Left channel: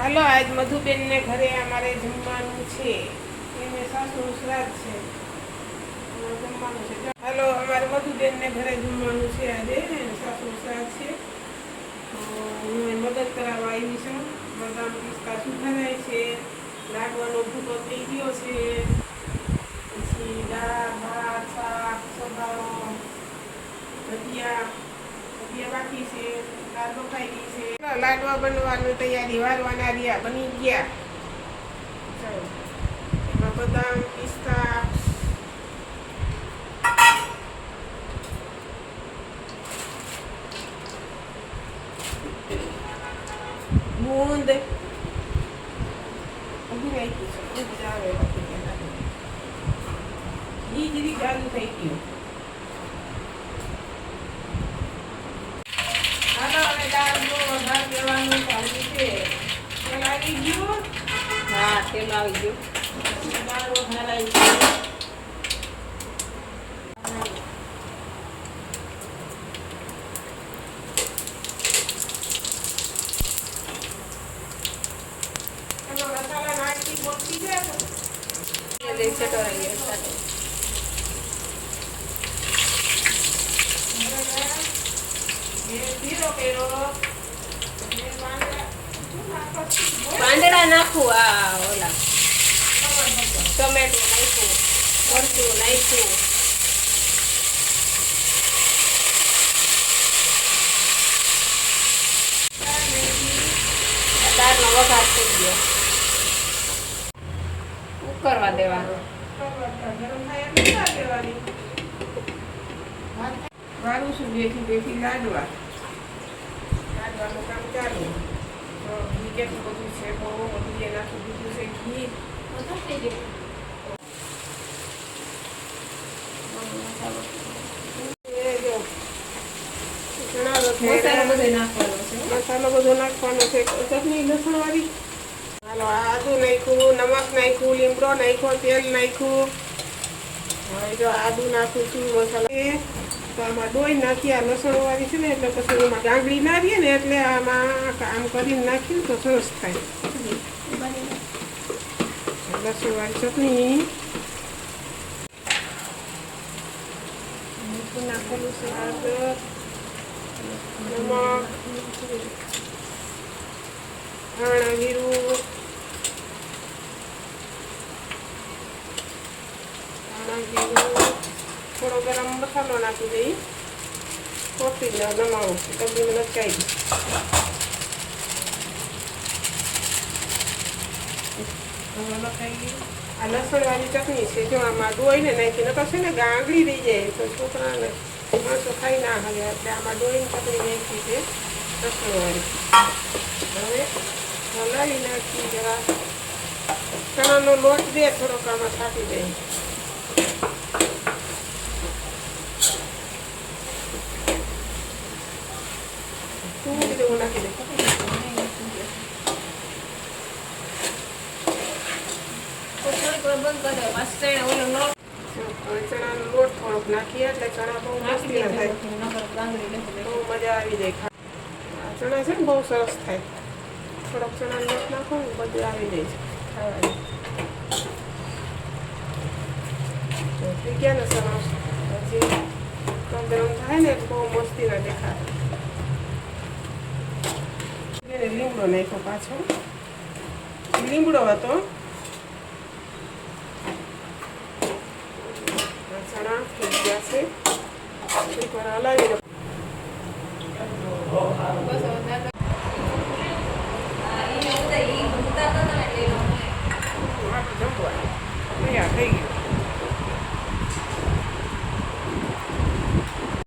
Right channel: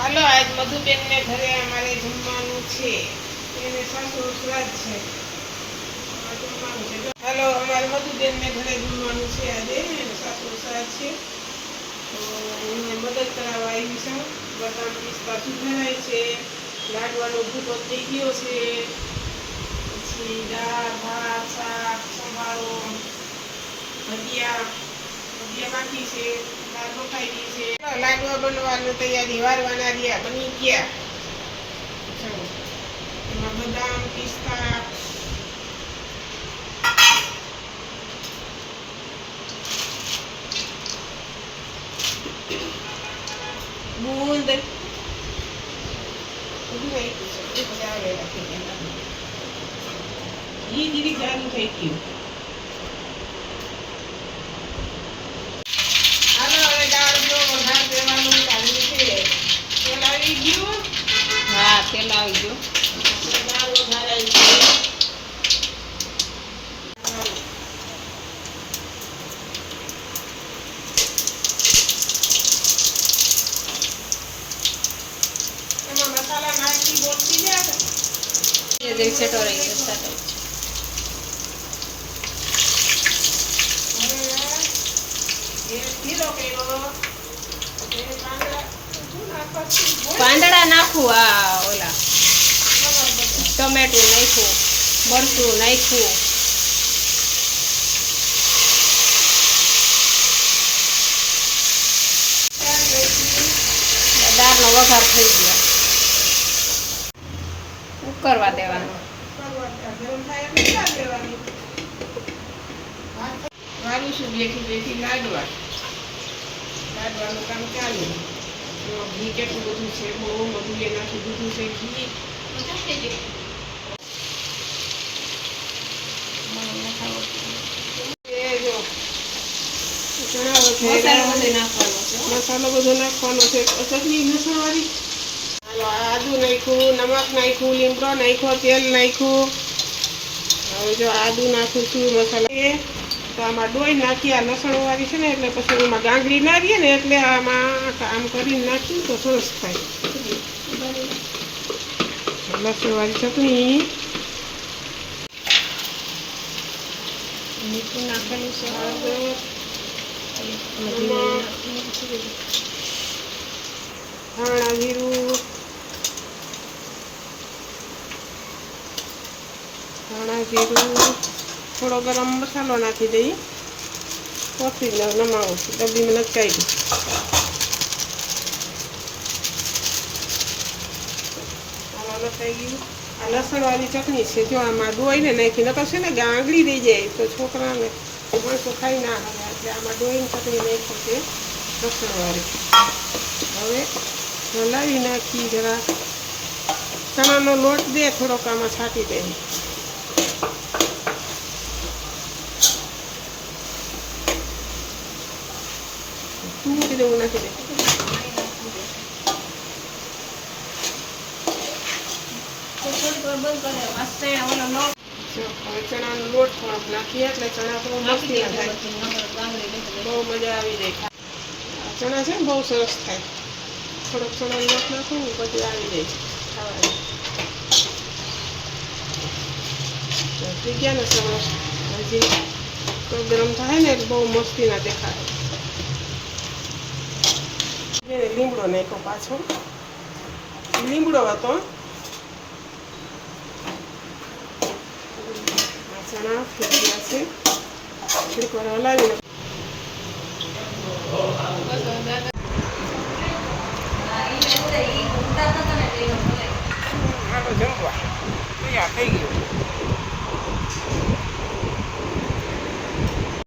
હાલો, આજ મધુબેનને ઘરે અમારે જમવાનું છે. એને સાસુ શ્રાદ્ધ છે. જમવાનું છે. હાલો, અમારે મધુબેનને ઘરે જમવાનું છે આજે, એને સાસુ શ્રાદ્ધ છે. તો હું મદદ કરાવવા આવી છું. બદામ પિસ્તા સુધરાય છે. લાડવાનો ભૂકો થઈ ગયો છે. પછી દાળ, ભાત, શાક, સંભારો, ભજીયા. ભજીયા બાકી છે દાળ બફાઈ ગઈ છે લાડવા બનવાની તૈયારી વારવાના રહ્યા બની ગયા ચાલો એમાં બદામ પિસ્તા બૂંદ બધું નાખ્યું છે એ બધા આવેલા થઈ ગયા ઘી જીરી ગાળું થઈ ગયું હાલો હવે દાળ જો વઘાર દેવાનું ચાલુ છે તેલ આવી ગયું હા તેલ આવી ગયું સાથે. પાંદડા નાખું આ ટમેટું નાખ્યું મરચું નાખ્યું. દાળનો વઘાર થઈ ગયો. ઉકરવા દેવાનું. વાળું છું બેઠી બેઠી લાડવા? લાડવાનું કામ ચાલ્યું ઘી કેટલું બધું છે બહુ બધું એનાથી બધું છે ઘી એ જો ચણા મસાલો બધો નાખવાનો છે ચટણી લસણ વાળી હાલો આદુ નાખ્યું નમક નાખ્યું લીમડો નાખ્યો તેલ નાખ્યું. હવે જો આદુ નાખું છું મસાલા. એ તો આમાં ડોઈ નાખી આ લસણ વાળી છે ને એટલે પછી એમાં ગાંગડી ના રહીએ ને એટલે આમાં આમ કરીને નાખ્યું તો સરસ થાય. લસણ વાળી ચટણી. મીઠું નાખેલું છે હળદર. ધાણા જીરું ધાણા જીરું થોડો ગરમ મસાલો નાખી દઈ કોથળી ના નમાવું ડબ્બીમાં લટકાઈ દઉં લખાઈ ગયું આ લસણવાળી ચટણી છે, જો આમાં દોઈને નાખી, નકર છે ને ગાંગડી રહી જાય, તો છોકરાને માણસો ખાઈ ના હાલે એટલે આમાં દોઈને ચટણી નાખી છે લસણવાળી હવે હલાવી નાખી જરા ચણાનો લોટ દે થોડોક આમાં છાંટી દે તું મૂકી દે હું નાખી દે થોડીક વાર બંધ કરી દો. ચણાનો લોટ થોડોક નાખીએ એટલે ચણા થાય. બહુ મજા આવી જાય ચણા છે ને બહુ સરસ થાય. થોડોક ચણાનો લોટ નાખો ને બધી આવી જાય. ખાવાની. તો ને સરસ. હજી ગરમ થાય ને એટલે બહુ મસ્તી ના દેખાય. લીમડો નાખ્યો પાછો. લીમડો હતો. ચણા ગયા છે. થોડીક વાર હલાવી